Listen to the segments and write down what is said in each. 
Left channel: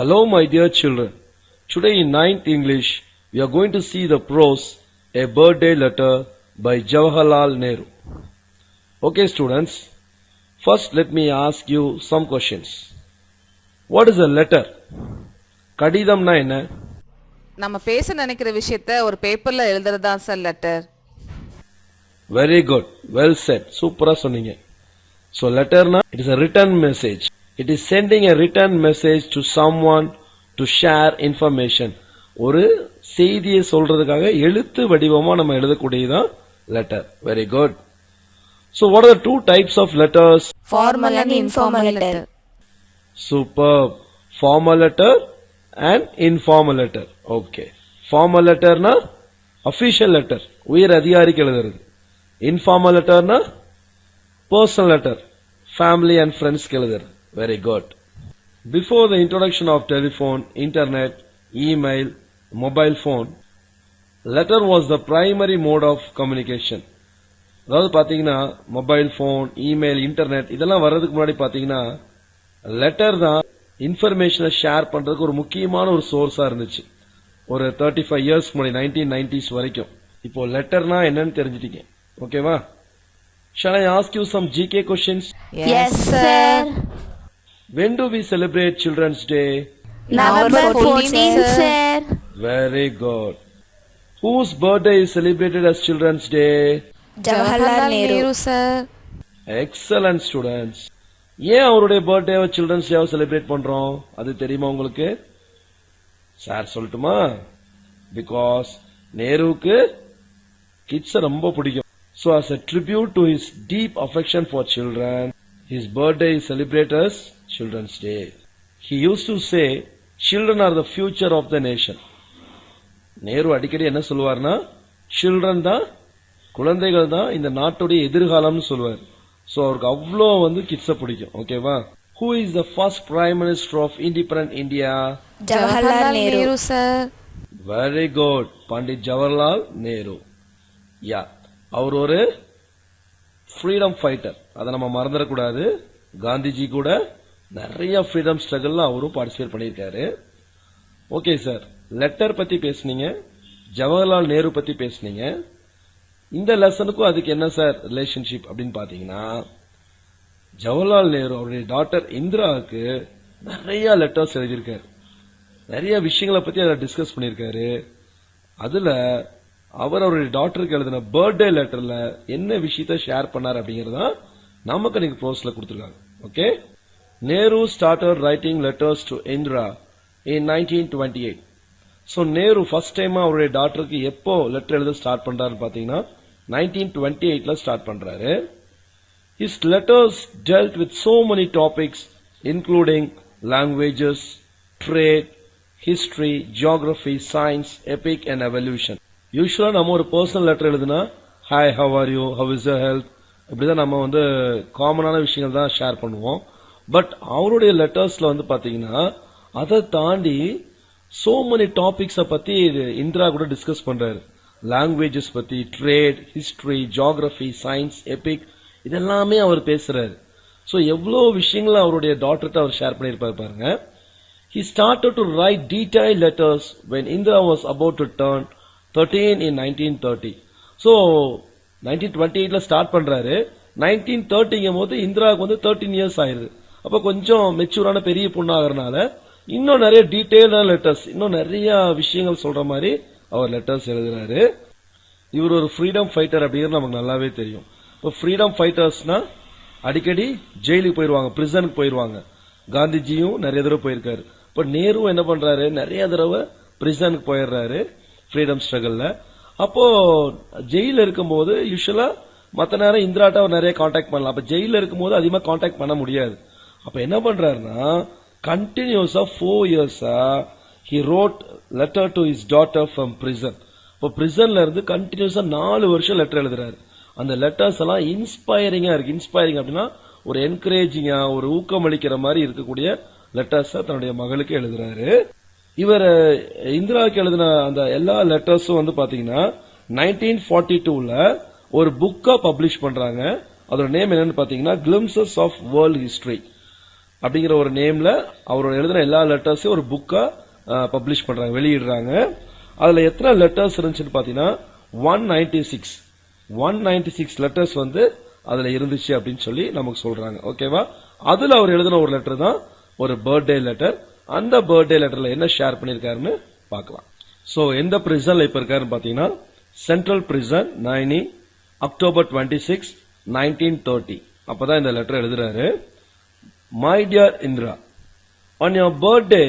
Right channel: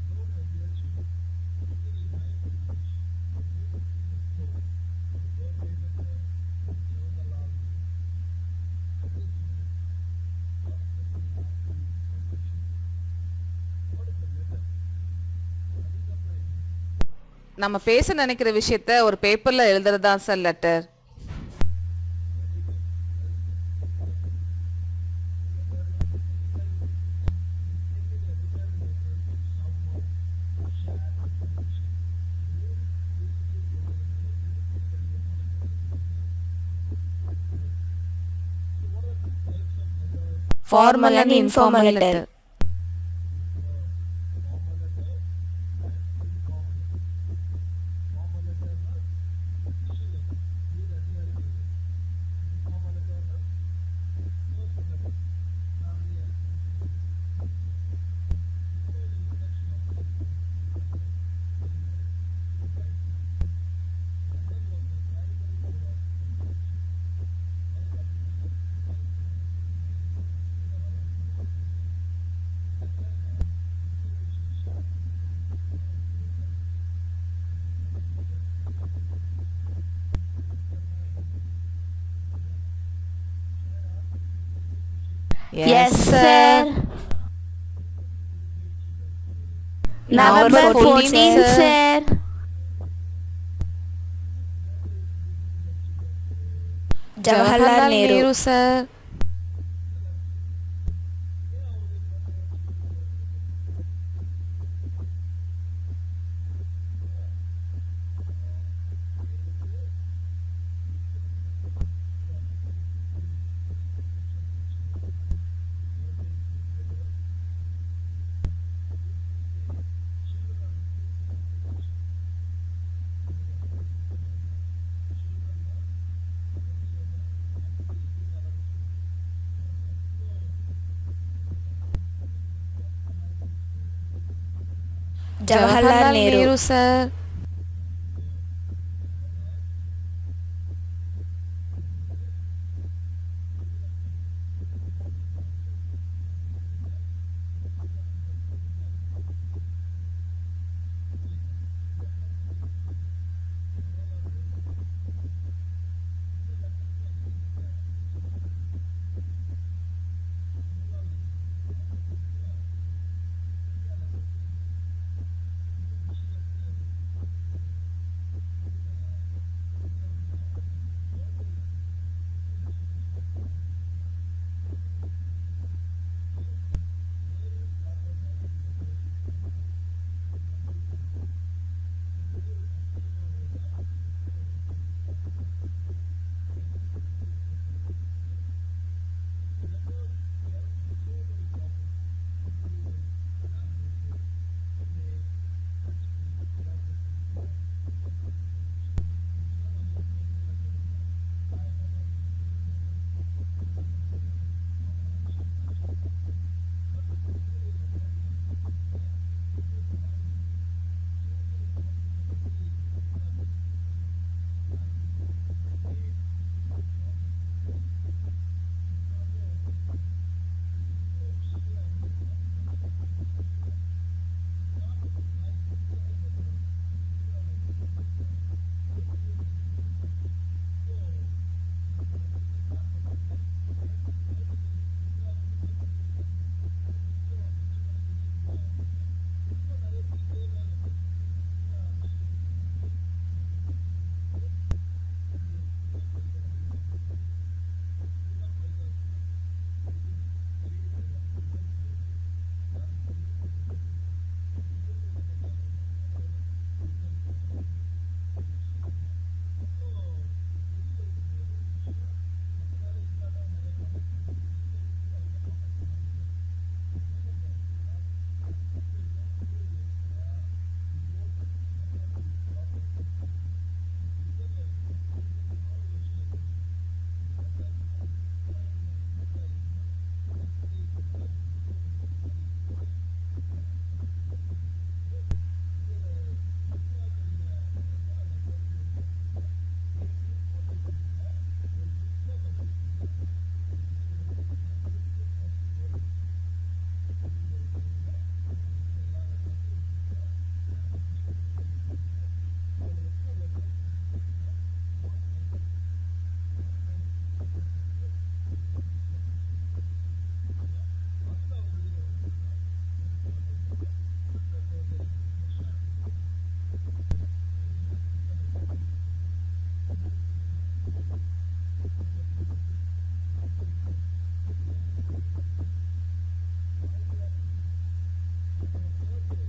Hello my dear children. Today in 9th English, we are going to see the prose A Birthday Letter by Jawaharlal Nehru. Okay students, first let me ask you some questions. What is a letter? கடிதம்னா என்ன? நம்ம பேச நினைக்கிற விஷயத்தை ஒரு பேப்பர்ல எழுதுறதா sir letter. Very good. Well said. சூப்பரா சொன்னீங்க. So letterனா it is a written message. It is sending a written message to someone to share information. ஒரு செய்தியை சொல்றதுக்காக எழுத்து வடிவமா நம்ம எழுதக்கூடியதான் letter. Very good. So what are the two types of letters? Formal and informal letter. Superb. Formal letter and informal letter. Okay. Formal letter na official letter. உயர் அதிகாரிக்கு எழுதுறது. Informal letter na personal letter. Family and friends க்கு எழுதுறது. Very good. Before the introduction of telephone, internet, email, mobile phone, letter was the primary mode of communication. அதாவது பாத்தீங்கன்னா mobile phone, email, internet இதெல்லாம் வர்றதுக்கு முன்னாடி பாத்தீங்கன்னா லெட்டர் தான் இன்ஃபர்மேஷனை ஷேர் பண்றதுக்கு ஒரு முக்கியமான ஒரு சோர்ஸா இருந்துச்சு. ஒரு 35 இயர்ஸ் முன்னாடி 1990s வரைக்கும். இப்போ லெட்டர்னா என்னன்னு தெரிஞ்சிட்டீங்க. ஓகேவா? Shall I ask you some GK questions? Yes, sir. When do we celebrate Children's Day? November 14th, sir. Very good. Whose birthday is celebrated as Children's Day? Jawaharlal Nehru, sir. Excellent students. ஏன் அவருடைய பர்த்டேவை children's டேவை celebrate பண்றோம் அது தெரியுமா உங்களுக்கு? Sir சொல்லட்டுமா? Because நேருவுக்கு kids ரொம்ப பிடிக்கும். So as a tribute to his deep affection for children, his birthday is celebrated as Children's Day. He used to say, children are the future of the nation. Nehru அடிக்கடி என்ன சொல்லுவார்னா, children தான், குழந்தைகள் தான் இந்த நாட்டுடைய எதிர்காலம்னு சொல்லுவார். சோ அவருக்கு அவ்வளோ கிட்ஸ பிடிக்கும். ஓகேவா? Who is the first Prime Minister of Independent India? Jawaharlal Nehru, sir. Very good. Pandit Jawaharlal Nehru. Yeah. அவர் ஒரு ஃப்ரீடம் ஃபைட்டர். அதை நம்ம மறந்துடக்கூடாது. காந்திஜி கூட நிறைய ஃப்ரீடம் ஸ்ட்ரகிள்ல அவரும் பார்ட்டிசிபேட் பண்ணியிருக்காரு. ஓகே சார், லெட்டர் பத்தி பேசுனீங்க, ஜவஹர்லால் நேரு பத்தி பேசுனீங்க. இந்த லெசனுக்கும் அதுக்கு என்ன சார் ரிலேஷன்ஷிப் அப்படின்னு பாத்தீங்கன்னா, ஜவஹர்லால் நேரு அவருடைய டாட்டர் இந்திராவுக்கு நிறைய லெட்டர்ஸ் எழுதியிருக்காரு. நிறைய விஷயங்களை பத்தி அதை டிஸ்கஸ் பண்ணியிருக்காரு. அதுல அவர் அவருடைய டாக்டருக்கு எழுதின பர்த்டே லெட்டர்ல என்ன விஷயத்த ஷேர் பண்ணார் அப்படிங்கறத நமக்கு நீங்க ப்ரோஸ்ல கொடுத்திருக்காங்க. Okay. Nehru started writing letters to Indira in 1928. So Nehru first time அவருடைய டாக்டருக்கு எப்போ லெட்டர் எழுத ஸ்டார்ட் பண்றாருன்னு பாத்தீங்கன்னா 1928ல ஸ்டார்ட் பண்றாரு. His letters dealt with so many topics including languages, trade, history, geography, science, epic and evolution. யூஸ்வலா நம்ம ஒரு பர்சனல் லெட்டர் எழுதுனா hi, how are you, how is your health, இப்படிதான் நம்ம காமனான விஷயங்கள் தான் ஷேர் பண்ணுவோம். பட் அவருடைய லெட்டர்ஸ்ல பாத்தீங்கன்னா அதை தாண்டி சோ மெனி டாபிக்ஸ பத்தி இந்திரா கூட டிஸ்கஸ் பண்றாரு. லாங்குவேஜஸ் பத்தி, trade, history, geography, science, Epic இதெல்லாமே அவர் பேசுறாரு. சோ எவ்வளவு விஷயங்களை அவருடைய டாக்டர்கிட்ட அவர் ஷேர் பண்ணிருப்பாரு பாருங்க. He started to write detailed letters when Indira was about to turn 13 in 1930. So 1928ல start பண்றாரு. 1930ங்கும் போது இந்திராவுக்கு 13 இயர்ஸ் ஆயிருது. அப்ப கொஞ்சம் மெச்சூரான பெரிய பொண்ணு ஆகிறதுனால இன்னும் நிறைய டீடைல்டான லெட்டர்ஸ், இன்னும் நிறைய விஷயங்கள் சொல்ற மாதிரி அவர் லெட்டர்ஸ் எழுதுறாரு. இவர் ஒரு ஃப்ரீடம் ஃபைட்டர் அப்படிங்கிறது நமக்கு நல்லாவே தெரியும். இப்போ ஃப்ரீடம் ஃபைட்டர்ஸ்னா அடிக்கடி ஜெயிலுக்கு போயிருவாங்க, பிரிசனுக்கு போயிருவாங்க. காந்திஜியும் நிறைய தடவை போயிருக்காரு. இப்ப நேரு என்ன பண்றாரு, நிறைய தடவை பிரிசனுக்கு போயிடுறாரு ஃப்ரீடம் ஸ்ட்ரகிள்ல. அப்போ ஜெயில இருக்கும்போது யூஸ்வலா மத்த நேரம் இந்திராட்ட அவர் நிறைய கான்டாக்ட் பண்ணலாம். அப்ப ஜெயில இருக்கும்போது அதிகமா கான்டாக்ட் பண்ண முடியாது. அப்ப என்ன பண்றாருன்னா கண்டினியூஸா 4 இயர்ஸா he wrote letter to his daughter from prison. இப்போ பிரிசன்ல இருந்து கண்டினியூஸா 4 வருஷம் லெட்டர் எழுதுறாரு. அந்த லெட்டர்ஸ் எல்லாம் இன்ஸ்பைரிங்கா இருக்கு. இன்ஸ்பைரிங் அப்படின்னா ஒரு என்கரேஜிங்கா, ஒரு ஊக்கமளிக்கிற மாதிரி இருக்கக்கூடிய லெட்டர்ஸ் தன்னுடைய மகளுக்கு எழுதுறாரு. இவர் இந்திராவுக்கு எழுதின அந்த எல்லா லெட்டர்ஸும் பாத்தீங்கன்னா 1942ல ஒரு புக்கா பப்ளிஷ் பண்றாங்க. அதோட நேம் என்னன்னு பாத்தீங்கன்னா கிளிம்சஸ் ஆஃப் வேர்ல்ட் ஹிஸ்டரி. அப்படிங்கிற ஒரு நேம்ல அவரோட எழுதின எல்லா லெட்டர்ஸையும் ஒரு புக்கா பப்ளிஷ் பண்றாங்க, வெளியிடுறாங்க. அதுல எத்தனை லெட்டர்ஸ் இருந்துச்சுன்னு பாத்தீங்கன்னா 196 லெட்டர்ஸ் வந்து அதுல இருந்துச்சு அப்படின்னு சொல்லி நமக்கு சொல்றாங்க. ஓகேவா? அதுல அவர் எழுதின ஒரு லெட்டர் தான் ஒரு பர்த்டே லெட்டர். அந்த பர்த்டே லெட்டர்ல என்ன ஷேர் பண்ணிருக்காருன்னு பார்க்கலாம். சோ எந்த பிரிசன்ல இப்ப இருக்காருன்னு பாத்தீங்கன்னா சென்ட்ரல் பிரிசன் நைனி, October 26, 1930. அப்பதான் இந்த லெட்டர் எழுதுறாரு. My dear Indra, on your birthday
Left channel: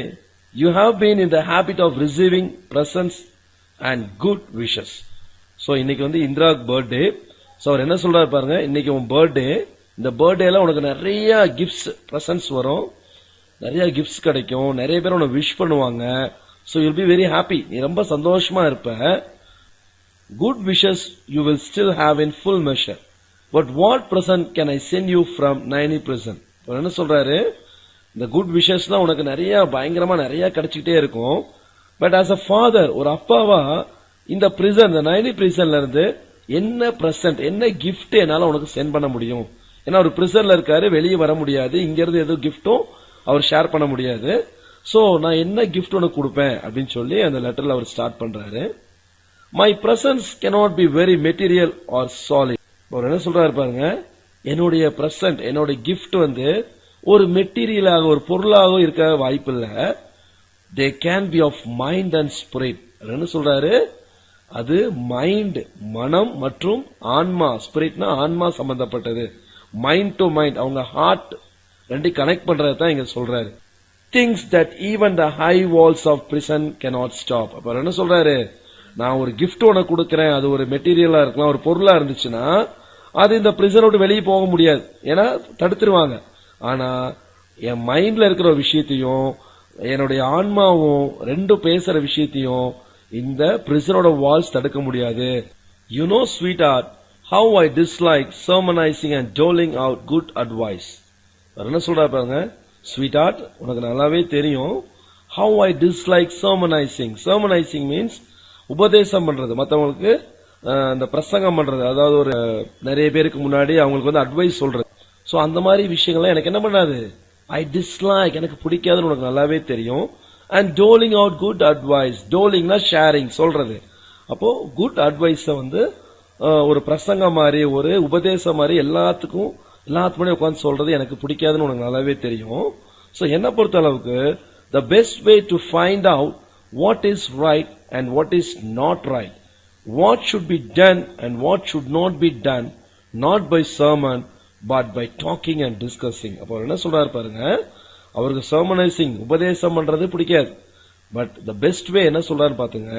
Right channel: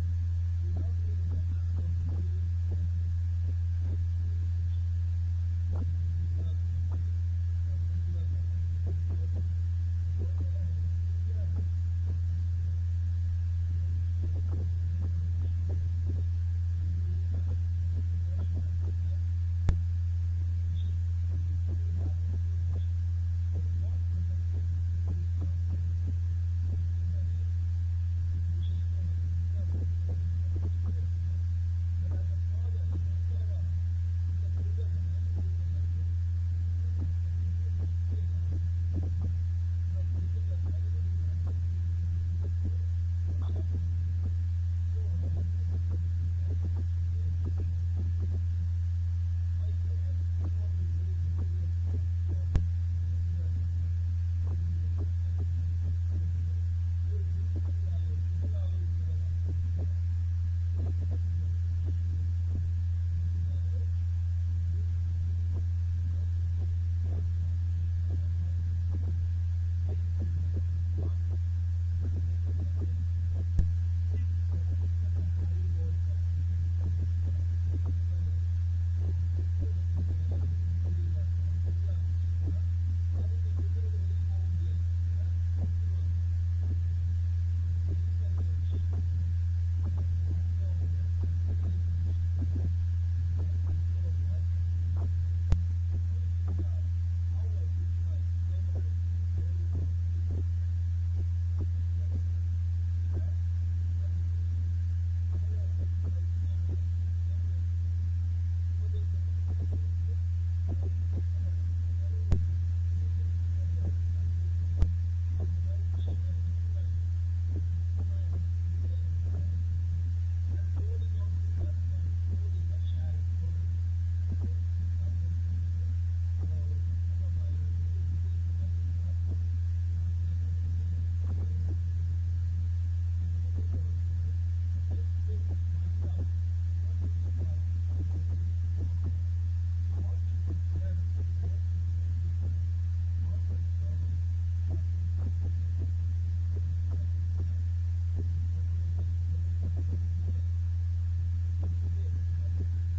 you have been in the habit of receiving presents and good wishes. So இன்னைக்கு வந்து இந்திராக்கு பர்த்டே. சோ அவர் என்ன சொல்றாரு பாருங்க, இன்னைக்கு உன் பர்த்டே, இந்த பர்த்டேல உனக்கு நிறைய கிஃப்ட்ஸ் பிரசன்ட்ஸ் வரும், நிறைய கிஃப்ட்ஸ் கிடைக்கும், நிறைய பேர் உனக்கு விஷ் பண்ணுவாங்க. So you'll be very happy, நீ ரொம்ப சந்தோஷமா இருப்ப. Good wishes you will still have in full measure. But what present can I send you from Naini prison? என்ன சொல்றாரு, இந்த குட் விஷஸ்லாம் உனக்கு நிறைய பயங்கரமா நிறைய கிடைச்சிட்டே இருக்கும். பட் ஆஸ் அ ஃபாதர், ஒரு அப்பாவா இந்த பிரிசன், இந்த நைனி பிரிசன்ல இருந்து என்ன பிரசன்ட், என்ன கிஃப்ட் என்னால உனக்கு சென்ட் பண்ண முடியும்? ஏன்னா ஒரு பிரிசன்ல இருக்காரு, வெளியே வர முடியாது, இங்க இருந்து எதுவும் கிஃப்டும் அவர் ஷேர் பண்ண முடியாது. சோ நான் என்ன கிஃப்ட் உனக்கு கொடுப்பேன் அப்படின்னு சொல்லி அந்த லெட்டர்ல அவர் ஸ்டார்ட் பண்றாரு. My presence cannot be very material or solid. அவர் என்ன சொல்றாரு பாருங்க, என்னுடைய பிரசன்ட், என்னுடைய கிஃப்ட் வந்து ஒரு மெட்டீரியலாக, ஒரு பொருளாக இருக்க வாய்ப்பு இல்ல. They can be of mind and spirit. என்ன சொல்றாரு, அது மைண்ட், மனம் மற்றும் ஆன்மா. ஸ்பிரிட்னா ஆன்மா சம்பந்தப்பட்டது. மைண்ட் டு மைண்ட், அவங்க ஹார்ட் ரெண்டு கனெக்ட் பண்றது தான் இங்க சொல்றாரு. Things that even the high walls of prison cannot stop. அப்ப என்ன சொல்றாரு, நான் ஒரு கிஃப்ட் உனக்கு கொடுக்கறேன், அது ஒரு மெட்டீரியலா இருக்கலாம், ஒரு பொருளா இருந்துச்சுன்னா அது இந்த பிரிசன் விட்டு வெளியே போக முடியாது, ஏன்னா தடுத்துருவாங்க. ஆனா என் மைண்ட்ல இருக்கிற ஒரு விஷயத்தையும் என்னுடைய ஆன்மாவும் ரெண்டும் பேசுற விஷயத்தையும் இந்த பிரிசனோட வால்ஸ் தடுக்க முடியாது. You know sweetheart how I dislike sermonizing and doling out good advice. என்ன சொல்றா பாருங்க, ஸ்வீட் ஹார்ட் உனக்கு நல்லாவே தெரியும், how I dislike sermonizing. Sermonizing means உபதேசம் பண்றது, மற்றவங்களுக்கு அந்த பிரசங்கம் பண்றது, அதாவது ஒரு நிறைய பேருக்கு முன்னாடி அவங்களுக்கு வந்து அட்வைஸ் சொல்றது. சோ அந்த மாதிரி விஷயங்கள்லாம் எனக்கு என்ன பண்ணாது, ஐ டிஸ்லைக், எனக்கு பிடிக்காதுன்னு உனக்கு நல்லாவே தெரியும். And doling out good advice. டோலிங்னா ஷேரிங், சொல்றது. அப்போ குட் அட்வைஸ வந்து ஒரு பிரசங்கம் மாதிரி, ஒரு உபதேசம் மாதிரி எல்லாத்துக்கு முன்னாடி உட்காந்து சொல்றது எனக்கு பிடிக்காதுன்னு உனக்கு நல்லாவே தெரியும். சோ என்ன பொறுத்த அளவுக்கு the best way to find out what is right and what is not right, what should be done and what should not be done, not by sermon but by talking and discussing. அப்போ என்ன சொல்றாரு பாருங்க, அவருக்கு sermonizing, உபதேசம் பண்றது பிடிக்காது. But the best way என்ன சொல்றாரு பாத்துங்க,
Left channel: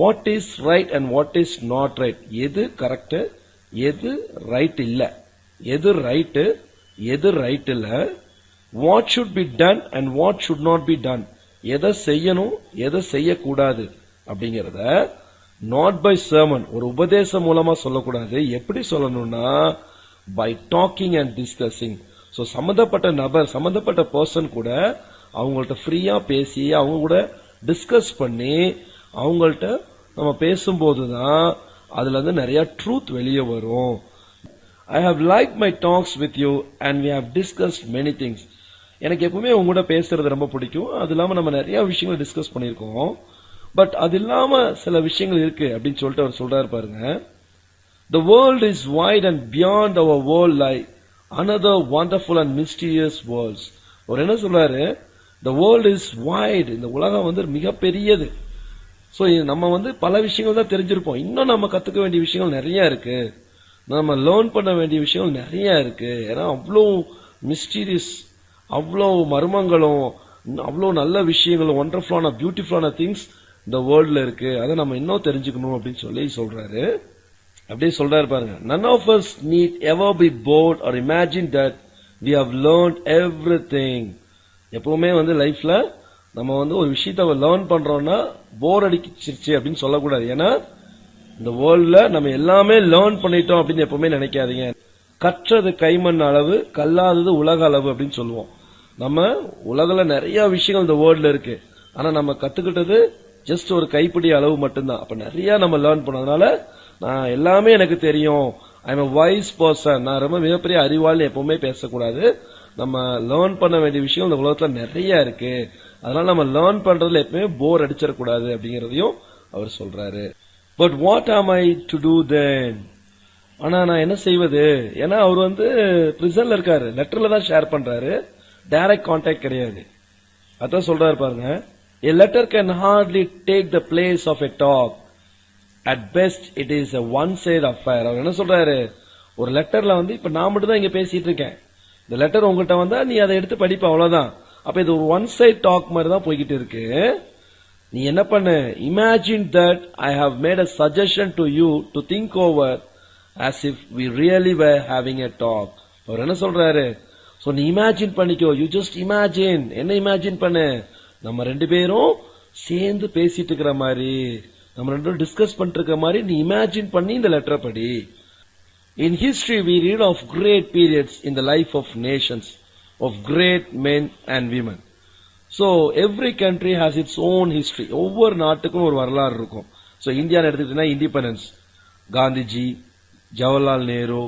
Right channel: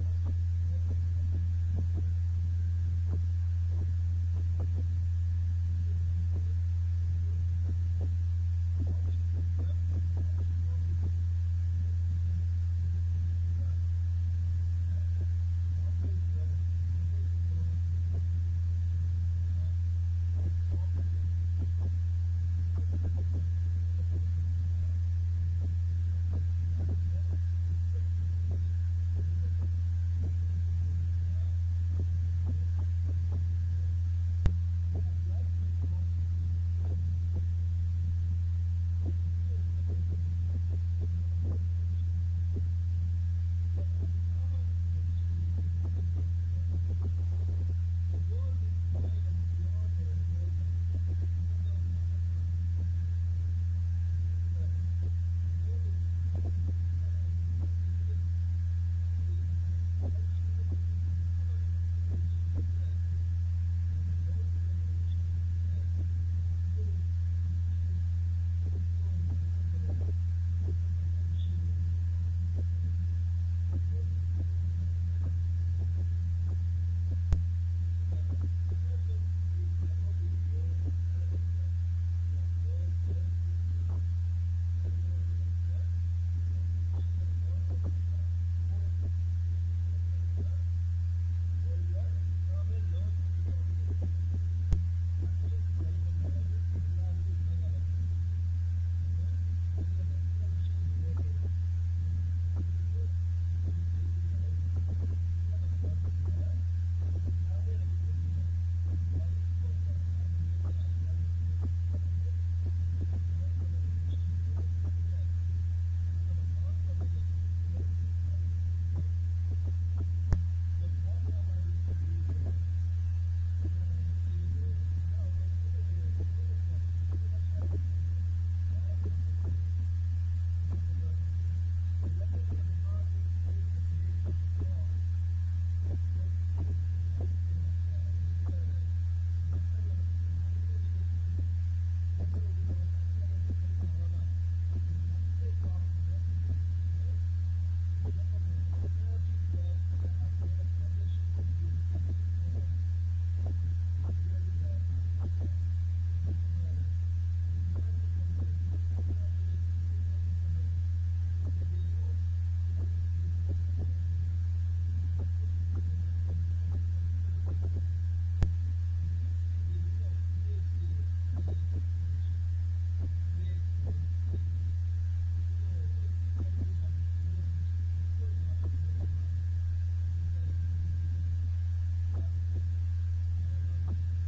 what is right and what is not right, எது கரெக்ட், எது ரைட் இல்ல, எது ரைட், எது ரைட் இல்ல, what should be done and what should not be done, எதை செய்யணும் எதை செய்யக்கூடாது அப்படிங்கறத not by sermon, ஒரு உபதேசம் மூலமா சொல்லக்கூடாது. எப்படி சொல்லணும்னா by talking and discussing. So சம்பந்தப்பட்ட நபர், சம்பந்தப்பட்ட பர்சன் கூட அவங்கள்ட்ட ஃப்ரீயா பேசி அவங்க கூட டிஸ்கஸ் பண்ணி அவங்கள்ட்ட நம்ம பேசும்போதுதான் அதுல இருந்து நிறைய ட்ரூத் வெளியே வரும். I have liked my talks with you and we have discussed many things. எனக்கு எப்பவுமே உங்க கூட பேசுறது ரொம்ப பிடிக்கும். அது இல்லாம நம்ம நிறைய விஷயங்கள் டிஸ்கஸ் பண்ணிருக்கோம். பட் அது இல்லாம சில விஷயங்கள் இருக்கு அப்படின்னு சொல்லிட்டு அவர் சொல்றாரு பாருங்க. The world is wide and beyond our world lie another wonderful and mysterious worlds. அவர் என்ன சொல்றாரு, the world is wide, இந்த உலகம் வந்து மிக பெரியது. சோ நம்ம வந்து பல விஷயங்கள் தான் தெரிஞ்சிருப்போம், இன்னும் நம்ம கத்துக்க வேண்டிய விஷயங்கள் நிறைய இருக்கு, நம்ம லேர்ன் பண்ண வேண்டிய விஷயங்கள் நிறைய இருக்கு. ஏன்னா அவ்வளோ மிஸ்டீரியஸ், அவ்வளோ மர்மங்களும் அவ்வளோ நல்ல விஷயங்களும் ஒண்டர்ஃபுல்லான பியூட்டிஃபுல்லான திங்ஸ் இந்த வேர்ல்ட்ல இருக்கு, அதை நம்ம இன்னும் தெரிஞ்சுக்கணும் அப்படின்னு சொல்லி சொல்றாரு. அப்படியே சொல்றாரு பாருங்க, none of us need ever be bored or imagine that we have learned everything. எப்பவுமே வந்து லைஃப்ல நம்ம வந்து ஒரு விஷயத்த லேர்ன் பண்றோம்னா போர் அடிச்சிருச்சு அப்படின்னு சொல்லக்கூடாது. ஏன்னா இந்த வேர்ல்ட்ல நம்ம எல்லாமே லேர்ன் பண்ணிட்டோம் அப்படின்னு எப்பவுமே நினைக்காதீங்க. கற்றது கைமண் அளவு, கல்லாதது உலக அளவு அப்படின்னு சொல்லுவோம். நம்ம உலகல நிறைய விஷயங்கள் இந்த வேர்ல்ட்ல இருக்கு, ஆனா நம்ம கத்துக்கிட்டது ஜஸ்ட் ஒரு கைப்பிடி அளவு மட்டும்தான். அப்ப நிறைய நம்ம லேர்ன் பண்ணதுனால நான் எல்லாமே எனக்கு தெரியும், I am a wise person, நான் ரொம்ப மிகப்பெரிய அறிவாளி எப்பவுமே பேசக்கூடாது. நம்ம லேர்ன் பண்ண வேண்டிய விஷயம் இந்த உலகத்துல நிறைய இருக்கு. அதனால நம்ம லேர்ன் பண்றதுல எப்பவுமே போர் அடிச்சிடக்கூடாது அப்படிங்கறதையும் அவர் சொல்றாரு. பட் வாட் ஆம் ஐ டு டூ தென்? ஆனா நான் என்ன செய்வது? ஏன்னா அவர் வந்து பிரிசன்ல இருக்காரு, லெட்டர்ல தான் ஷேர் பண்றாரு, டைரக்ட் கான்டாக்ட் கிடையாது. அதான் சொல்றாரு பாருங்க, a letter can hardly take the place of a talk. At best it is a one side affair. அவர் என்ன சொல்றாரு, ஒரு லெட்டர்ல வந்து இப்ப நான் மட்டும் தான் இங்க பேசிட்டு இருக்கேன், இந்த லெட்டர் உங்ககிட்ட வந்தா நீ அதை எடுத்து படிப்ப, அவ்வளவுதான். அப்ப இது ஒரு ஒன் சைட் டாக் மாதிரி தான் போய்கிட்டு இருக்கு. நீ என்ன பண்ணு, imagine that I have made a suggestion to you to think over as if we really were having a talk. அவர் என்ன சொல்றாரு, சோ நீ இமேஜின் பண்ணிக்கோ, யூ ஜஸ்ட் இமேஜின். என்ன இமேஜின் பண்ணு, நம்ம ரெண்டு பேரும் சேர்ந்து பேசிட்டு இருக்கிற மாதிரி, நம்ம ரெண்டு பேரும் டிஸ்கஸ் பண்ணிட்டு இருக்கிற மாதிரி நீ இமேஜின் பண்ணி இந்த லெட்டரை படி. In history we read of great periods in the life of nations, of great men and women. So every country has its own history. ஒவ்வொரு நாட்டுக்கும் ஒரு வரலாறு இருக்கும். So இந்தியா எடுத்துக்கிட்டீங்கன்னா இண்டிபெண்டன்ஸ், காந்திஜி, ஜவஹர்லால் நேரு,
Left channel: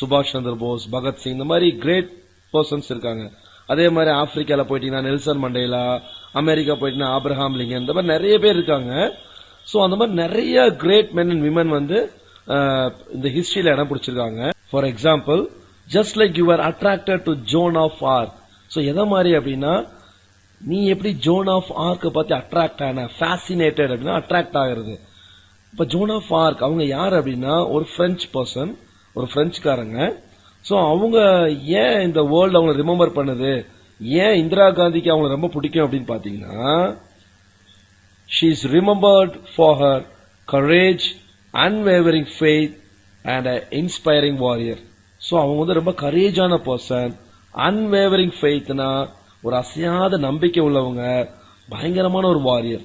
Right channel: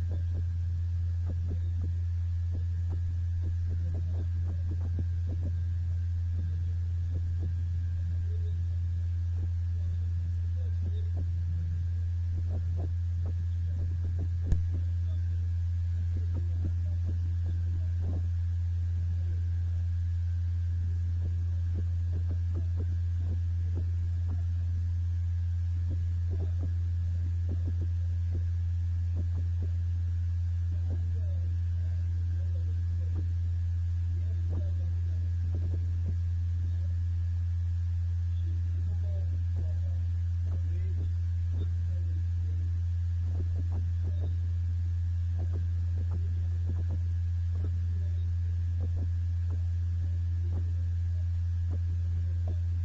சுபாஷ் சந்திர போஸ், பகத்சிங், இந்த மாதிரி கிரேட் பர்சன்ஸ் இருக்காங்க. அதே மாதிரி ஆப்பிரிக்கால போயிட்டீங்கன்னா நெல்சன் மண்டேலா, அமெரிக்கா போயிட்டீங்கன்னா ஆப்ரஹாம் லிங்கன், இந்த மாதிரி நிறைய பேர் இருக்காங்க. சோ அந்த மாதிரி நிறைய கிரேட் மென் அண்ட் விமன் வந்து இந்த ஹிஸ்டரியில இடம் பிடிச்சிருக்காங்க. For example, just like you are attracted to Joan of Arc. So எதை மாதிரி அப்படின்னா, நீ எப்படி ஜோன் ஆஃப் ஆர்க்க பார்த்து அட்ராக்ட் ஆன, ஃபேசினேட்டட் அப்படின்னா அட்ராக்ட் ஆகிறது. இப்ப ஜோன் ஆஃப் ஆர்க் அவங்க யார் அப்படின்னா ஒரு பிரெஞ்சு பர்சன், ஒரு பிரெஞ்சுக்காரங்க. சோ அவங்க ஏன் இந்த வேர்ல்ட் அவங்க ரிமெம்பர் பண்ணுது, ஏன் இந்திரா காந்திக்கு அவங்க ரொம்ப பிடிக்கும் அப்படின்னு பாத்தீங்கன்னா, she is remembered for her courage, unwavering faith and an inspiring warrior. So அவங்க வந்து ரொம்ப கரேஜான பர்சன், அன்வேவரிங் ஃபெய்த்னா ஒரு அசையாத நம்பிக்கை உள்ளவங்க, பயங்கரமான ஒரு வாரியர்,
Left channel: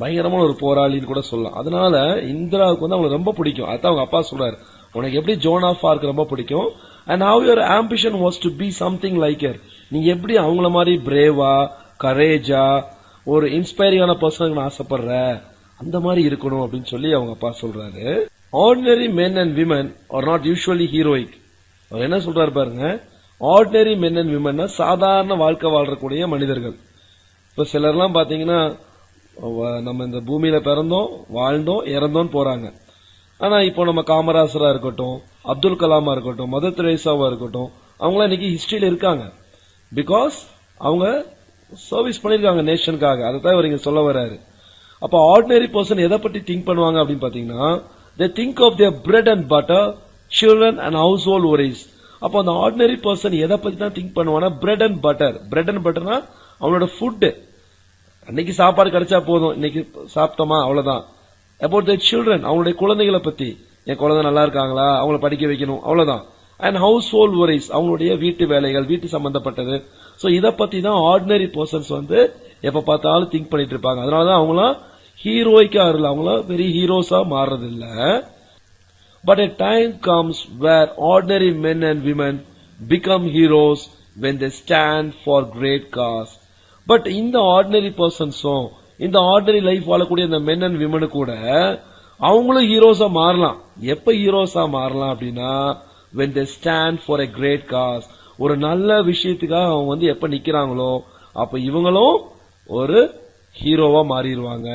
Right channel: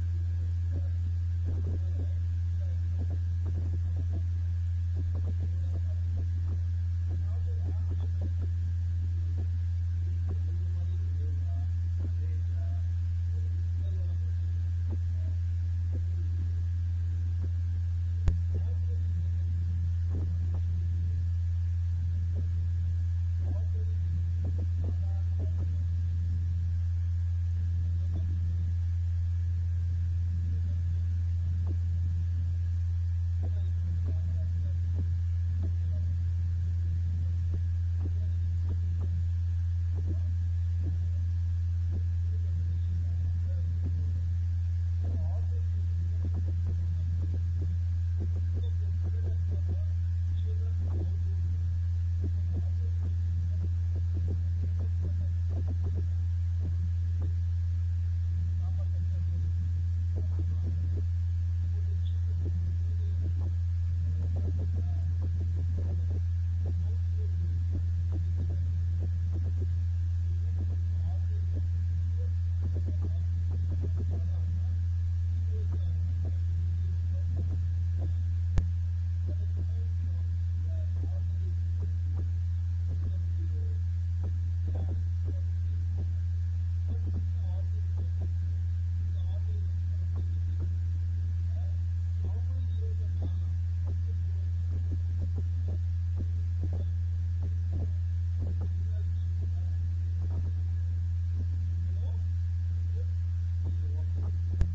பயங்கரமான ஒரு போராளின்னு கூட சொல்லலாம். அதனால இந்திராவுக்கு வந்து அவங்களுக்கு ரொம்ப பிடிக்கும். அதான் அவங்க அப்பா சொல்றாரு, உனக்கு எப்படி ஜோன் ஆஃப் ஆர்க் ரொம்ப பிடிக்கும், and how your ambition was to be something like her. நீ எப்படி அவங்கள மாதிரி பிரேவா, கரேஜா, ஒரு இன்ஸ்பைரிங்கான பர்சனுக்கு ஆசைப்படுற, அந்த மாதிரி இருக்கணும் அப்படின்னு சொல்லி அவங்க அப்பா சொல்றாரு. Ordinary men and women are not usually heroic. அவர் என்ன சொல்றாரு பாருங்க, ஆர்டினரி men and women சாதாரண வாழ்க்கை வாழ்றக்கூடிய மனிதர்கள். இப்ப சிலர்லாம் பாத்தீங்கன்னா நம்ம இந்த பூமியில பிறந்தோம், வாழ்ந்தோம், இறந்தோம் போறாங்க. ஆனா இப்போ நம்ம காமராசரா இருக்கட்டும், அப்துல் கலாமா இருக்கட்டும், மதர் தெரேசாவா இருக்கட்டும், அவங்களாம் இன்னைக்கு ஹிஸ்டரியில இருக்காங்க. பிகாஸ் அவங்க சர்வீஸ் பண்ணிருக்காங்க நேஷனுக்காக. அதைத்தான் இவர் இங்க சொல்ல வர்றாரு. அப்ப ஆர்டினரி பர்சன் எதை பத்தி திங்க் பண்ணுவாங்க அப்படின்னு பாத்தீங்கன்னா, they think of their bread and butter, children and household worries. அப்ப அந்த ஆர்டினரி பர்சன் எதை பத்தி தான் திங்க் பண்ணுவாங்கன்னா, bread and butter. Bread and பட்டர்னா அவனோட ஃபுட், அன்னைக்கு சாப்பாடு கிடைச்சா போதும், இன்னைக்கு சாப்பிட்டோமா அவ்வளவுதான். அபவுட் their children, அவங்களுடைய குழந்தைகளை பத்தி, என் குழந்தை நல்லா இருக்காங்களா, அவங்கள படிக்க வைக்கணும், அவ்வளவுதான். அண்ட் ஹவுஸ் ஹோல்ட் worries, அவங்களுடைய வீட்டு வேலைகள், வீட்டு சம்பந்தப்பட்டது. சோ இத பத்தி தான் ஆர்டினரி பர்சன்ஸ் வந்து எப்ப பார்த்தாலும் திங்க் பண்ணிட்டு இருப்பாங்க. அதனாலதான் அவங்களாம் ஹீரோய்க்கா இருல, அவங்களாம் பெரிய ஹீரோஸா மாறுறது இல்ல. But a time comes where ordinary men and women become heroes when they stand for great cause. But இந்த ஆர்டினரி பர்சன்ஸும், இந்த ஆர்டினரி லைஃப் வாழக்கூடிய இந்த மென் அண்ட் விமனு கூட அவங்களும் ஹீரோஸா மாறலாம். எப்ப ஹீரோஸா மாறலாம் அப்படின்னா, when they stand for a great cause. ஒரு நல்ல விஷயத்துக்காக அவங்க வந்து எப்ப நிக்கிறாங்களோ அப்ப இவங்களும் ஒரு ஹீரோவா மாறிடுவாங்க.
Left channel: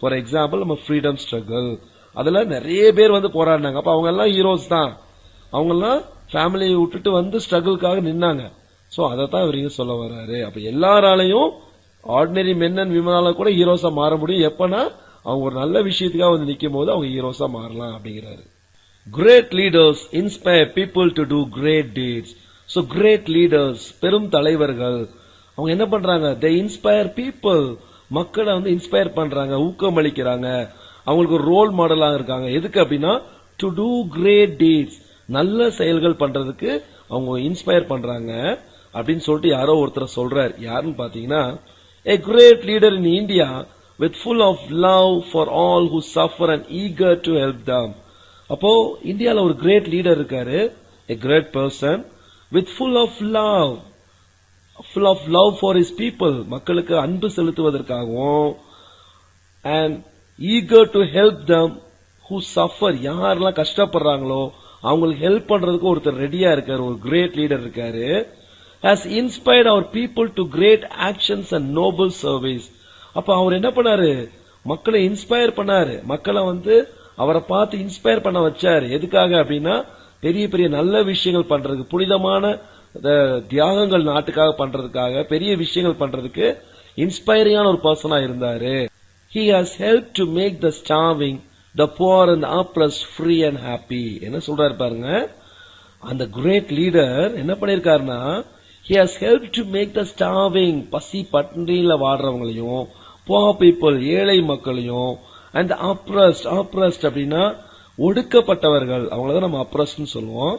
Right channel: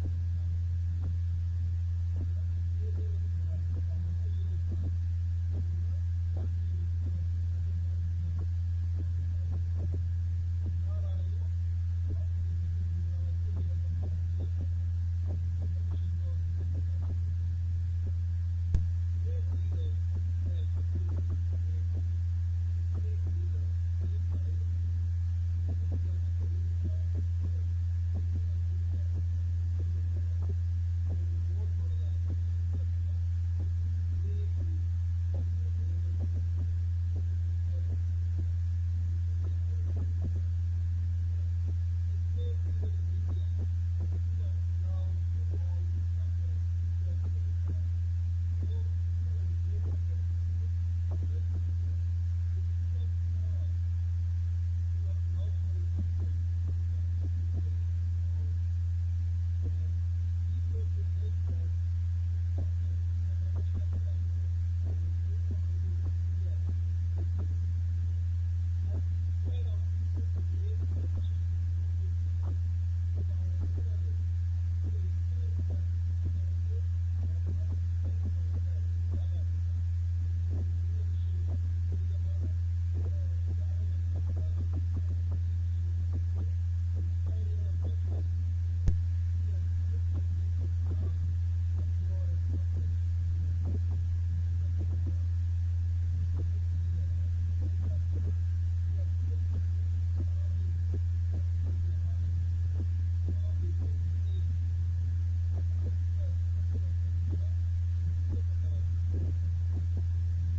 ஃபார் எக்ஸாம்பிள், நம்ம ஃப்ரீடம் ஸ்ட்ரகிள், அதுல நிறைய பேர் வந்து போராடினாங்க. அப்ப அவங்க எல்லாம் ஹீரோஸ் தான். அவங்க எல்லாம் ஃபேமிலியை விட்டுட்டு வந்து ஸ்ட்ரகிள்காக நின்னாங்க. சோ அதைத்தான் இவங்க சொல்ல வர்றாரு. அப்ப எல்லாராலையும் ஆர்டினரி மென் அண்ட் விமனால கூட ஹீரோஸா மாற முடியும். எப்பனா அவங்க ஒரு நல்ல விஷயத்துக்காக வந்து நிக்கும் போது அவங்க ஹீரோஸா மாறலாம் அப்படிங்கிறாரு. Great leaders inspire people to do great deeds. So great leaders, பெரும் தலைவர்கள், அவங்க என்ன பண்றாங்க, they inspire people, மக்களை வந்து இன்ஸ்பயர் பண்றாங்க, ஊக்கமளிக்கிறாங்க, அவங்களுக்கு ஒரு ரோல் மாடலா இருக்காங்க. எதுக்கு அப்படின்னா, to do great deeds, நல்ல செயல்கள் பண்றதுக்கு அவங்க இன்ஸ்பயர் பண்றாங்க அப்படின்னு சொல்லிட்டு யாரோ ஒருத்தர் சொல்றாரு. யாருன்னு பாத்தீங்கன்னா, a great leader in India with full of love for all who suffer and eager to help them. அப்போ இந்தியால ஒரு கிரேட் லீடர் இருக்காரு, a great person with full of love for his people, மக்களுக்கு அன்பு செலுத்துவதற்காகவும், and eager to help them who suffer, யாரெல்லாம் கஷ்டப்படுறாங்களோ அவங்களுக்கு help பண்றதுக்கு ஒருத்தர் ரெடியா இருக்காரு, ஒரு கிரேட் லீடர் இருக்காரு. has inspired our people to great actions and noble service. அப்ப அவர் என்ன பண்ணாரு? மக்களை இன்ஸ்பயர் பண்ணாரு. மக்களை அவரை பார்த்து இன்ஸ்பயர் பண்ண வச்சாரு. எதுக்காக அப்படின்னா பெரிய பெரிய நல்ல விஷயங்கள் பண்றதுக்கு, புனிதமான தியாகங்கள் நாட்டுக்காக பண்றதுக்காக, பெரிய விஷயங்கள் பண்றதுக்கு இன்ஸ்பைரிங்கான ஒரு பர்சனா இருந்தாரு. He has helped to make the starving, the poor and the oppressed free and happy. என்ன சொல்றாரு பாருங்க, அந்த கிரேட் லீடர் என்ன பண்ணிருக்காருன்னா, he has helped to make the starving, பசி பட்டினியில வாடுறவங்களையும், poor people, ஏழை மக்களையும், and the oppressed, oppressed அப்படின்னா ஒடுக்கப்பட்டவர்கள், அவங்களதான் நம்ம oppressed சொல்லுவோம்.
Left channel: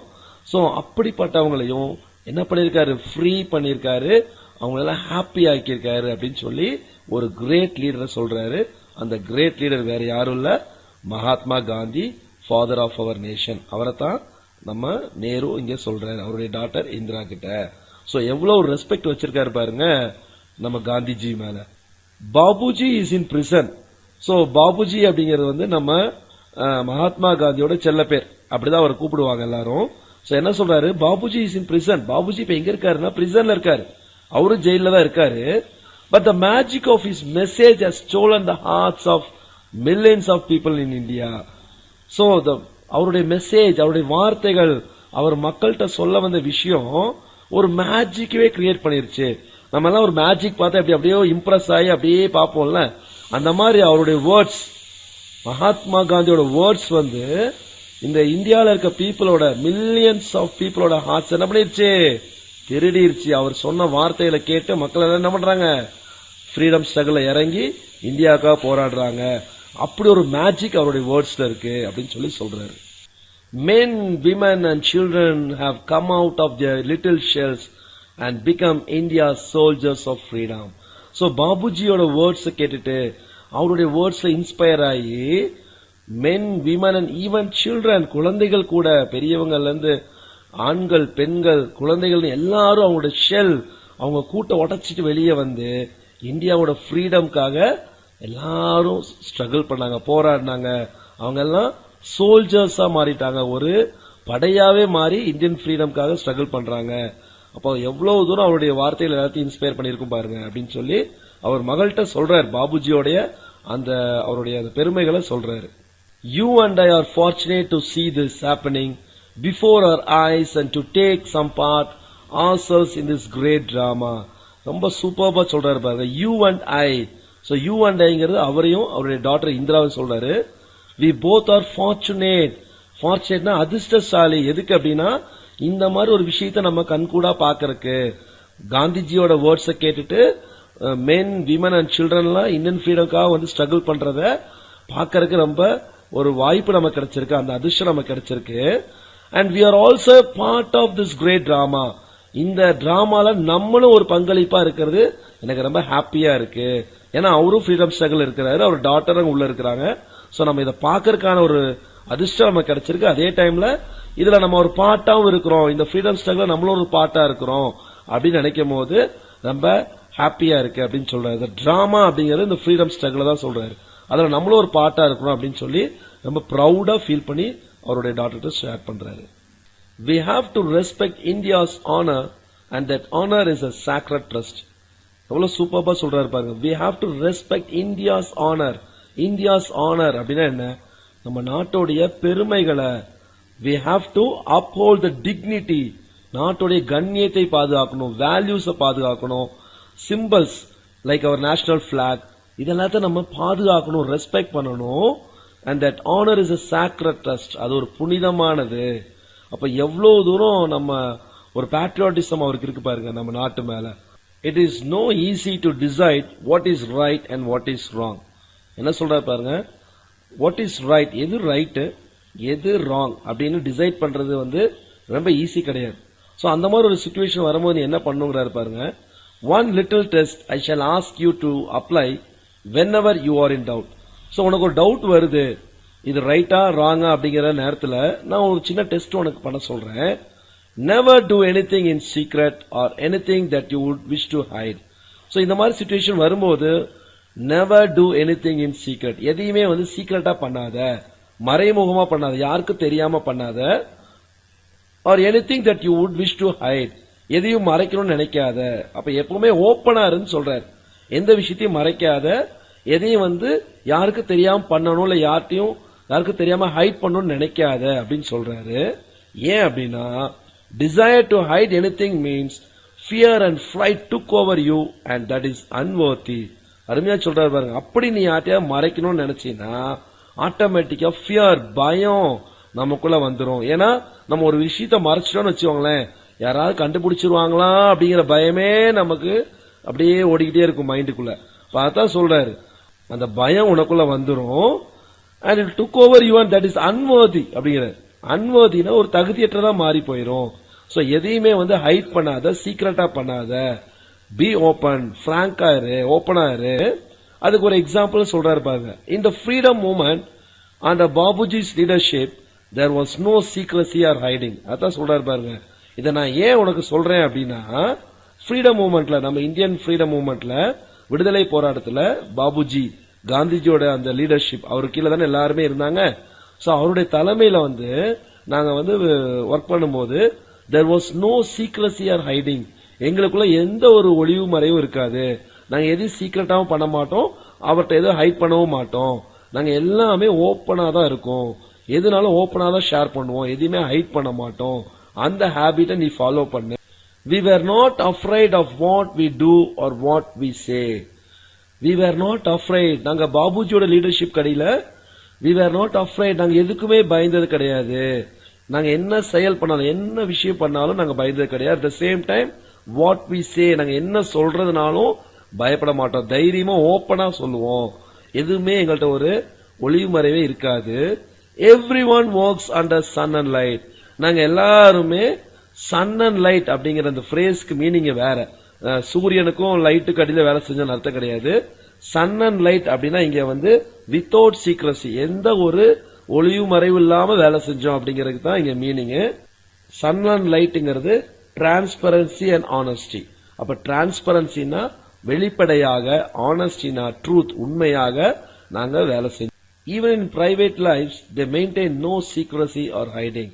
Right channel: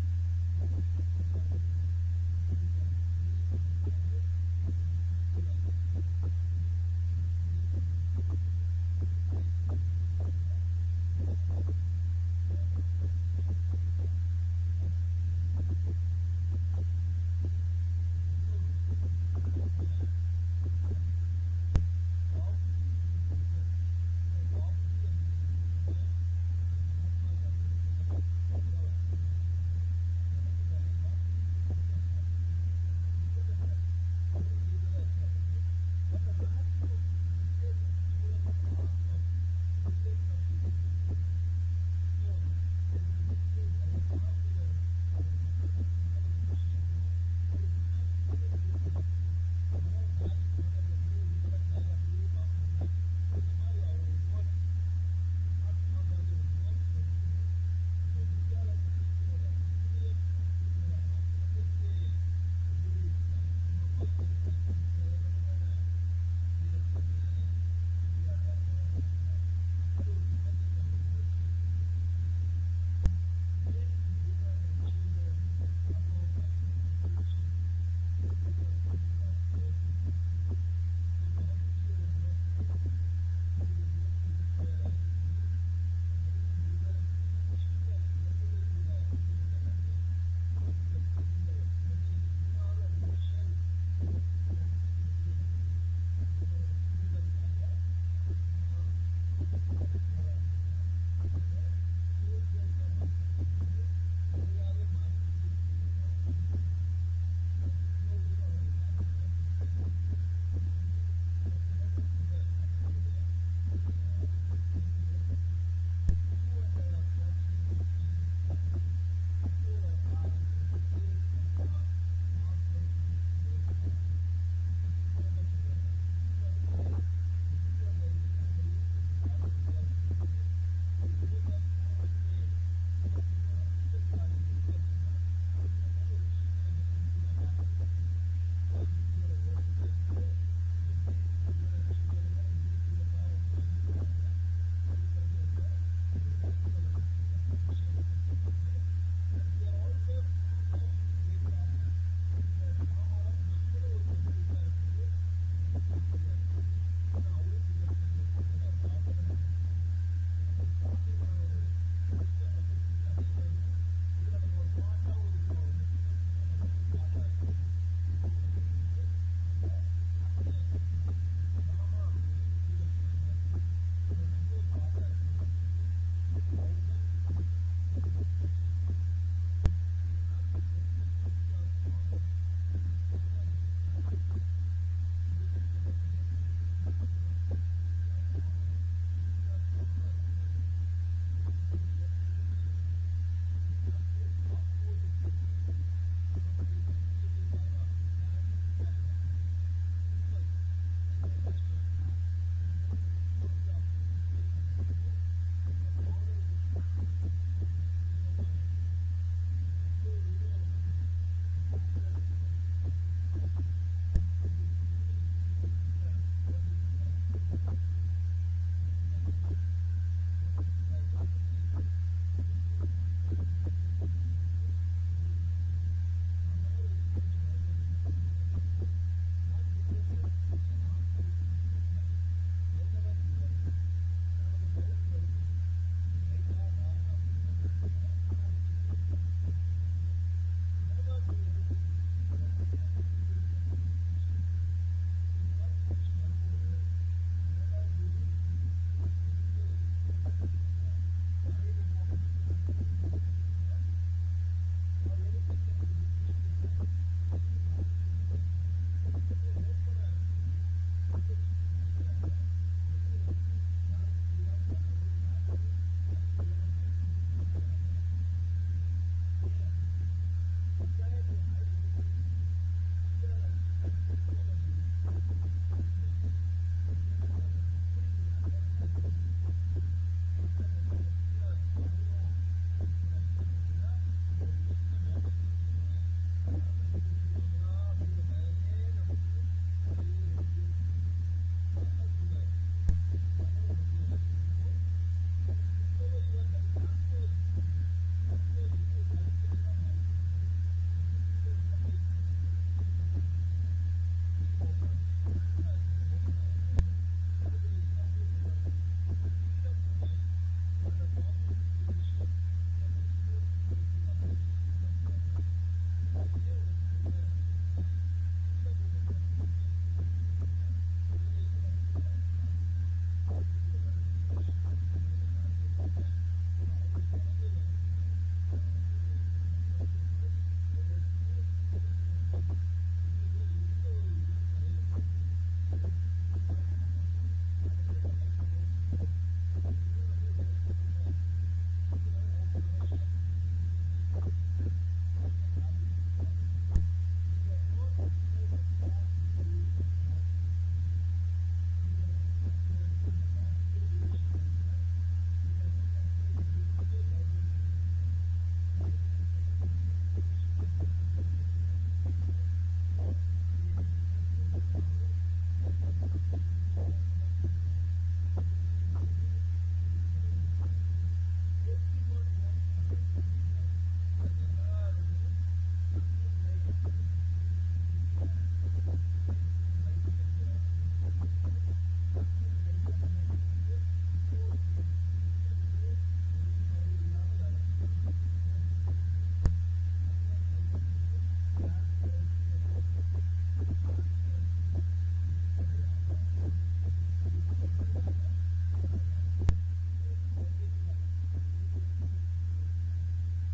சோ அப்படிப்பட்டவங்களையும் என்ன பண்ணிருக்காரு? ஃப்ரீ பண்ணிருக்காரு, அவங்களெல்லாம் ஹாப்பி ஆக்கியிருக்காரு அப்படின்னு சொல்லி ஒரு கிரேட் லீடரை சொல்றாரு. அந்த கிரேட் லீடர் வேற யாரும் இல்ல, Mahatma Gandhi, father of our nation. அவரை தான் நம்ம நேரு இங்க சொல்றாரு, அவருடைய டாட்டர் இந்திரா கிட்ட. சோ எவ்வளவு ரெஸ்பெக்ட் வச்சிருக்காரு பாருங்க நம்ம காந்திஜி மேல. Bapuji is in prison. So Bapuji அப்படிங்கிறது நம்ம மகாத்மா காந்தியோட செல்ல பேர், அப்படிதான் அவர் கூப்பிடுவாங்க எல்லாரும். சோ என்ன சொல்றாரு? Bapuji is in prison. Bapuji இப்ப எங்க இருக்காருன்னா பிரிசன்ல இருக்காரு, அவரும் ஜெயில தான் இருக்காரு. But the magic of his message has stolen the hearts of millions of people in India. So அவருடைய மெசேஜ், அவருடைய வார்த்தைகள், அவர் மக்கள்கிட்ட சொல்ல வந்த விஷயம் ஒரு மேஜிக்கவே கிரியேட் பண்ணிருச்சு. நம்ம எல்லாம் ஒரு மேஜிக் பார்த்தா அப்படியே இம்ப்ரெஸ் ஆகி அப்படியே பார்ப்போம்ல, அந்த மாதிரி அவருடைய வேர்ட்ஸ், மகாத்மா காந்தியோட வேர்ட்ஸ் இந்த இந்தியால இருக்க பீப்புளோட, மில்லியன்ஸ் ஆஃப் பீப்புளோட ஹார்ட்ஸ் என்ன பண்ணிருச்சு? திருடிருச்சு. அவர் சொன்ன வார்த்தைகளை கேட்டு மக்கள் எல்லாம் என்ன பண்றாங்க? ஃப்ரீடம் ஸ்ட்ரகிள் இறங்கி இந்தியாவுக்காக போராடுறாங்க. அப்படி ஒரு மேஜிக் அவருடைய வேர்ட்ஸ்ல இருக்கு அப்படின்னு சொல்லி சொல்றாரு. Men, women and children have come out of their little shells and become India's soldiers of freedom. So பாபுஜியோட வேர்ட்ஸ் கேட்டுட்டு அவருடைய வேர்ட்ஸ்ல இன்ஸ்பயர் ஆகி men, women and even children, குழந்தைகள் கூட, பெரியவங்கல இருந்து ஆண்கள், பெண்கள், குழந்தைகள் எல்லாரும் அவங்களோட ஷெல், அவங்க கூட்ட உடைச்சிட்டு வெளியே இந்தியாவோட ஃப்ரீடம்காக எல்லாரும் ஸ்ட்ரகிள் பண்ணாங்க, போராடினாங்க. அவங்க எல்லாம் சோல்ஜர்ஸா மாறிட்டாங்க, ஒரு படையாவே மாறி இந்தியன் ஃப்ரீடம்காக ஸ்ட்ரகிள் பண்றாங்க. அப்போ எவ்வளவு தூரம் அவருடைய வார்த்தைகள் எல்லாத்தையும் இன்ஸ்பயர் பண்ணிருக்கும் பாருங்க அப்படின்னு சொல்லி அவர் மகள்கிட்ட சொல்றாரு. பாபுஜியோடைய அவருடைய பெருமைகளை சொல்றாரு. You and I are fortunate to see this happening before our eyes and to take some part ourselves in this great drama. ரொம்ப சூப்பர்பா சொல்றாரு பாருங்க. You and I. So you and Iங்கிறது அவரையும் அவருடைய டாட்டர் இந்திராவை சொல்றாரு. We both are fortunate. Fortunateனா அதிர்ஷ்டசாலி. எதுக்கு அப்படின்னா இந்த மாதிரி ஒரு விஷயத்தை நம்ம கண்கூடா பாக்கறதுக்கு. காந்திஜியோட வேர்ட்ஸை கேட்டுட்டு மென், விமன் அண்ட் சில்ட்ரன்லாம் இந்தியன் ஃப்ரீடம்காக ஸ்ட்ரகிள் பண்றத பாக்கறதுக்கு ரொம்ப ஒரு வாய்ப்பு நமக்கு கிடைச்சிருக்கு, அந்த அதிர்ஷ்டம் நமக்கு கிடைச்சிருக்கு. And we are also part of this great drama. இந்த டிராமால நம்மளும் ஒரு பங்களிப்பா இருக்கிறது எனக்கு ரொம்ப ஹாப்பியா இருக்கு. ஏன்னா அவரும் ஃப்ரீடம் ஸ்ட்ரகிள் இருக்கிறாரு, அவர் டாட்டரும் உள்ள இருக்கிறாங்க. சோ நம்ம இதை பாக்கறதுக்கான ஒரு அதிர்ஷ்டம் நமக்கு கிடைச்சிருக்கு. அதே டைம்ல இதுல நம்ம ஒரு பார்ட்டாவும் இருக்கிறோம், இந்த ஃப்ரீடம் ஸ்ட்ரகிள் நம்மளும் ஒரு பார்ட்டா இருக்கிறோம் அப்படின்னு நினைக்கும் போது ரொம்ப ஹாப்பியா இருக்கு அப்படின்னு சொல்றாரு. டிராமா அப்படிங்கிறது இந்த ஃப்ரீடம் ஸ்ட்ரகிள் தான் சொல்றாரு. அதுல நம்மளும் ஒரு பார்ட்டா இருக்கணும் அப்படின்னு சொல்லி ரொம்ப ப்ரௌடா ஃபீல் பண்ணி அவருடைய டாட்டர்கிட்ட ஷேர் பண்றாரு. We have to respect India's honor and that honor is a sacred trust. எவ்வளவு சூப்பரா சொல்றாரு பாருங்க. We have to respect India's honor. India's honor அப்படின்னா என்ன? நம்ம நாட்டோடைய பெருமைகளை. We have to uphold the dignity. நாட்டோடைய கண்ணியத்தை பாதுகாக்கணும், வேல்யூஸை பாதுகாக்கணும், சிம்பிள்ஸ் லைக் அவர் நேஷனல் பிளாக் இதெல்லாத்தையும் நம்ம பாதுகாக்கணும், ரெஸ்பெக்ட் பண்ணணும். And that honor is a sacred trust. அது ஒரு புனிதமானது. அப்ப எவ்வளவு தூரம் நம்ம ஒரு பேட்ரியாட்டிசம் அவருக்கு இருக்கு பாருங்க நம்ம நாட்டு மேல. It is no easy to decide what is right and what is wrong. என்ன சொல்றாரு பாருங்க, what is right, எது ரைட் எது ராங் அப்படின்னு டிசைட் பண்றது ரொம்ப ஈஸி கிடையாது. சோ அந்த மாதிரி ஒரு சிச்சுவேஷன் வரும்போது என்ன பண்ணுங்கிறாரு பாருங்க. One little test I shall ask you to apply whenever you are in doubt. So உனக்கு ஒரு டவுட் வருது, இது ரைட்டா ராங்கா அப்படிங்கிற நேரத்துல நான் ஒரு சின்ன டெஸ்ட் உனக்கு பண்ண சொல்றேன். Never do anything in secret or anything that you would wish to hide. So இந்த மாதிரி சிச்சுவேஷன் வரும்போது never do anything in secret. எதையுமே சீக்ரெட்டா பண்ணாத, மறைமுகமா பண்ணாத, யாருக்கும் தெரியாம பண்ணாத. or anything that you would wish to hide. எதையும் மறைக்கணும்னு நினைக்காத. அப்ப எப்பவுமே ஓப்பனா இருன்னு சொல்றாரு. எந்த விஷயத்தையும் மறைக்காத, எதையும் வந்து யாருக்கு தெரியாம பண்ணணும், இல்ல யாருக்கு தெரியாம ஹைட் பண்ணணும்னு நினைக்காத அப்படின்னு சொல்றாரு. ஏன் அப்படின்னா, desire to hide anything means fear and fright took over you and that is unworthy. அருமையா சொல்றாரு பாருங்க. அப்படி நீ யார்ட்டையாவது மறைக்கணும்னு நினைச்சீன்னா ஆட்டோமேட்டிக்கா ஃபியர், பயம் நமக்குள்ள வந்துரும். ஏன்னா நம்ம ஒரு விஷயத்த மறைச்சிட்டோம்னு வச்சுக்கோங்களேன், யாராவது கண்டுபிடிச்சிருவாங்களா அப்படிங்கிற பயமே நமக்கு அப்படியே ஓடிக்கிட்டே இருக்கும் மைண்டுக்குள்ள. பார்த்தா சொல்றாரு, அந்த பயம் உனக்குள்ள வந்துரும். and it took over you and that is unworthy அப்படிங்கிறார். அன்வர்தினா ஒரு தகுதியற்றதா மாறி போயிரும். சோ எதையுமே வந்து ஹைட் பண்ணாத, சீக்ரெட்டா பண்ணாத, பி ஓபன், பிராங்கா இரு, ஓபனா இரு. அதுக்கு ஒரு எக்ஸாம்பிள் சொல்றாரு பாருங்க. In the freedom movement under Babuji's leadership there was no secrecy or hiding. அதான் சொல்றாரு பாருங்க. இத நான் ஏன் உனக்கு சொல்றேன் அப்படின்னா, ஃப்ரீடம் மூவ்மெண்ட்ல, நம்ம இந்தியன் ஃப்ரீடம் மூவ்மெண்ட்ல, விடுதலை போராட்டத்துல பாபுஜி காந்திஜியோட அந்த லீடர்ஷிப், அவரு கீழே தானே எல்லாருமே இருந்தாங்க. சோ அவருடைய தலைமையில வந்து நாங்க வந்து ஒர்க் பண்ணும்போது there was no secrecy or hiding. எங்களுக்குள்ள எந்த ஒரு ஒளிவு மறைவும் இருக்காது. நாங்க எதையும் சீக்கிரட்டாவும் பண்ண மாட்டோம், அவர்கிட்ட எதுவும் ஹைட் பண்ணவும் மாட்டோம். நாங்க எல்லாமே ஓப்பனா தான் இருக்கோம். எதுனாலும் ஓப்பனா தான் ஷேர் பண்ணுவோம், எதையுமே ஹைட் பண்ண மாட்டோம். அந்த ஹேபிட்டை நீ ஃபாலோ பண்ணு. We were not afraid of what we do or what we say. We were not afraid. நாங்க பாபுஜியோட லீடர்ஷிப் கடையில we were not afraid. நாங்க எதுக்குமே பயந்தது கிடையாது. நாங்க என்ன செயல் பண்ணாலும், என்ன விஷயம் பண்ணாலும் நாங்க பயந்தது கிடையாது. at the same time what we say, நாங்க என்ன சொல்றதுனாலும் பயப்பட மாட்டோம். தைரியமா ஓப்பனா சொல்லுவோம். எதுவுமே எங்கள்கிட்ட ஒரு ஒளிவு மறைவே இருக்காது. everyone works under sun and light. நாங்க எல்லாருமே சன் அண்ட் லைட் அப்படிங்கிற அந்த பிரேஸ்க்கு மீனிங் வேற. சூரியனுக்கும் லைட்டுக்கு அடியில வேலை செஞ்சோன்னு அர்த்தம் கிடையாது. சன் அண்ட் லைட் அப்படின்னா இங்க வந்து வித்தவுட் சீக்ரசி, எந்த ஒரு ஒளிவு மறைவு இல்லாம வேலை செஞ்சோம் அப்படிங்கிறதுக்கு தான் இங்க மீனிங். சன் அண்ட் லைட்ங்கிறது டிரான்ஸ்பரன்சி அண்ட் ஆனஸ்டி. அப்ப டிரான்ஸ்பரன்சினா வெளிப்படையாக, ஆனஸ்டினா ட்ரூத், உண்மையாக நாங்க வேலை செஞ்சோம். Even in private life they maintain no secrecy or hiding.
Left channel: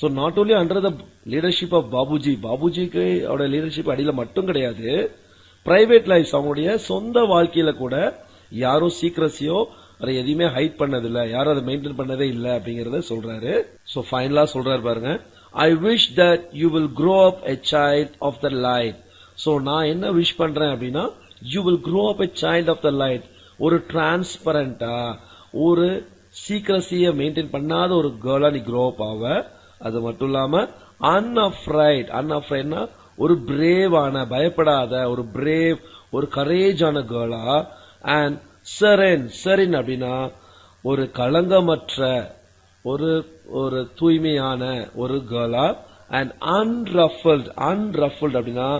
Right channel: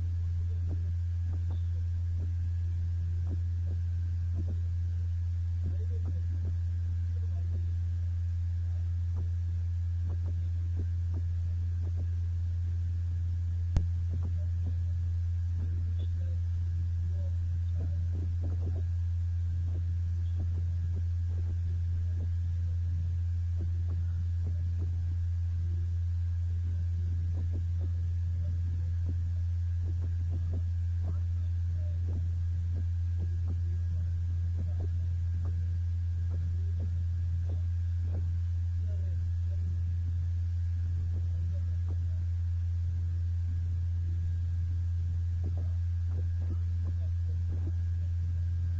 So not only under the leadership of பாபுஜிக்கு அவருடைய லீடர்ஷிப் அடியில மட்டும் கிடையாது, பிரைவேட் லைஃப், அவங்களுடைய சொந்த வாழ்க்கையில கூட யாரும் சீக்ரஸியோ அதை எதையுமே ஹைட் பண்ணதில்ல, யாரும் அதை மெயின்டைன் பண்ணதே இல்ல அப்படிங்கறத சொல்றாரு. சோ ஃபைனலா சொல்றாரு பாருங்க, I wish that you will grow up a child of the light. So நான் என்ன விஷ் பண்றேன் அப்படின்னா, you will grow up a child of the light. ஒரு டிரான்ஸ்பரண்டா, ஒரு சீக்ரஸிய மெயின்டைன் பண்ணாத ஒரு கேர்ளா நீ grow up ஆவ. அது மட்டும் இல்லாம அன்அஃப்ரைட்னா ஒரு பிரேவான, பயப்படாத, ஒரு பிரேவ், ஒரு கரேஜான கேர்ளா. அண்ட் செரின் அப்படின்னா ஒரு களங்கமற்ற, ஒரு தூய்மையான ஒரு கேர்ளா. அண்ட் அன்ரஃபிள்ட் அப்படின்னா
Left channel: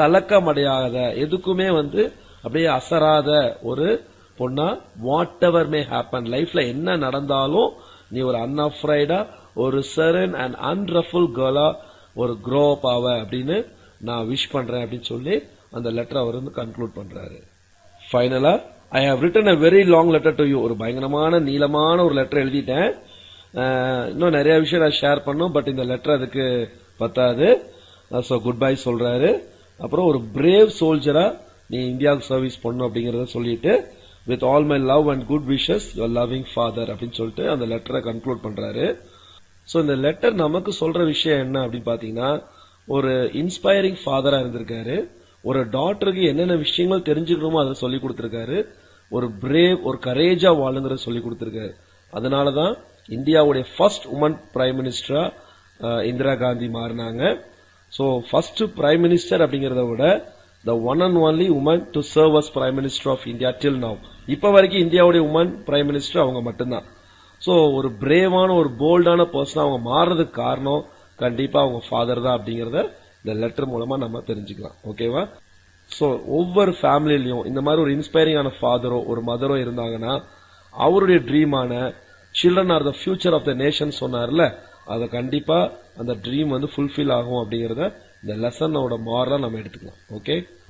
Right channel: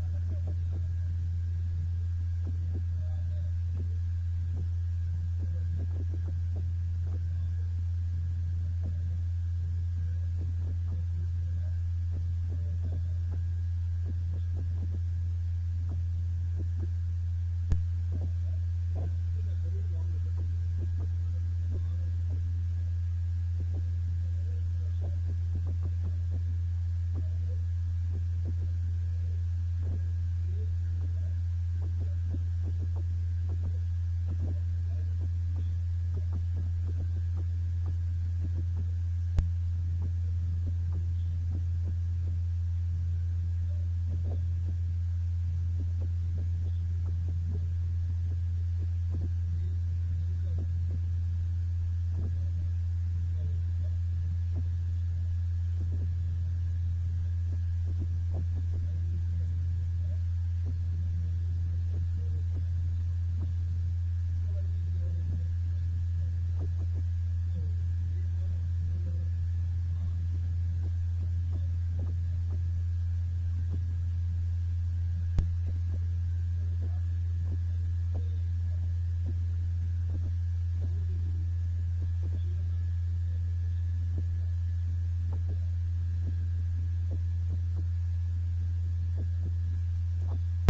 கலக்கமடையாத, எதுக்குமே வந்து அப்படியே அசராத ஒரு பொண்ணா. வாட் எவர் மே ஹேப்பன், லைஃப்ல என்ன நடந்தாலும் நீ ஒரு அன்அஃப்ரைடா, ஒரு சரன் அண்ட் அன்ரஃபுல் கேர்ளா ஒரு க்ரோ அப் ஆவ அப்படின்னு நான் விஷ் பண்றேன் அப்படின்னு சொல்லி அந்த லெட்டர் அவர் வந்து கன்க்ளூட் பண்றாரு. ஃபைனலா, I have written a very long letter to you. ஒரு பயங்கரமான நீளமான ஒரு லெட்டர் எழுதிட்டேன். இன்னும் நிறைய விஷயம் நான் ஷேர் பண்ணும், பட் இந்த லெட்டர் அதுக்கு பத்தாது. சோ குட் பை சொல்றாரு. அப்புறம் ஒரு பிரேவ் சோல்ஜரா நீ இந்தியாவுக்கு சர்வீஸ் பண்ணும் அப்படிங்கறத சொல்லிட்டு, with all my love and good wishes your loving father அப்படின்னு சொல்லிட்டு அந்த லெட்டரை கன்க்ளூட் பண்றாரு. சோ இந்த லெட்டர் நமக்கு சொல்ற விஷயம் என்ன அப்படின்னு பாத்தீங்கன்னா, ஒரு இன்ஸ்பைரிங் ஃபாதரா இருந்திருக்காரு. ஒரு டாட்டருக்கு என்னென்ன விஷயங்கள் தெரிஞ்சுக்கணுமோ அதை சொல்லி கொடுத்திருக்காரு. ஒரு பிரேவ், ஒரு கரேஜா வாழுங்கிற சொல்லி கொடுத்திருக்காரு. அதனாலதான் இந்தியாவுடைய ஃபர்ஸ்ட் உமன் பிரைம் மினிஸ்டரா இந்திரா காந்தி மாறினாங்க. சோ ஃபர்ஸ்ட் பிரைம் மினிஸ்டர் அப்படிங்கறத விட the one and only woman to serve as prime minister of India till now. இப்ப வரைக்கும் இந்தியாவுடைய உமன் பிரைம் மினிஸ்டர் அவங்க மட்டும்தான். சோ ஒரு பிரேவான, ஒரு போல்டான பர்சன் அவங்க மாறுறதுக்கு காரணம் கண்டிப்பா அவங்க ஃபாதர் தான் அப்படிங்கறத இந்த லெட்டர் மூலமா நம்ம தெரிஞ்சுக்கலாம். ஓகேவா? சோ ஒவ்வொரு ஃபேமிலிலயும் இந்த மாதிரி ஒரு இன்ஸ்பைரிங்கான ஃபாதரோ ஒரு மதரோ இருந்தாங்கன்னா, அவருடைய ட்ரீமான children are the future of the nation சொன்னார்ல, அத கண்டிப்பா அந்த ட்ரீம் வந்து ஃபுல்ஃபில் ஆகும் அப்படிங்கறத இந்த லெசனோட மாரலா நம்ம எடுத்துக்கலாம். ஓகே.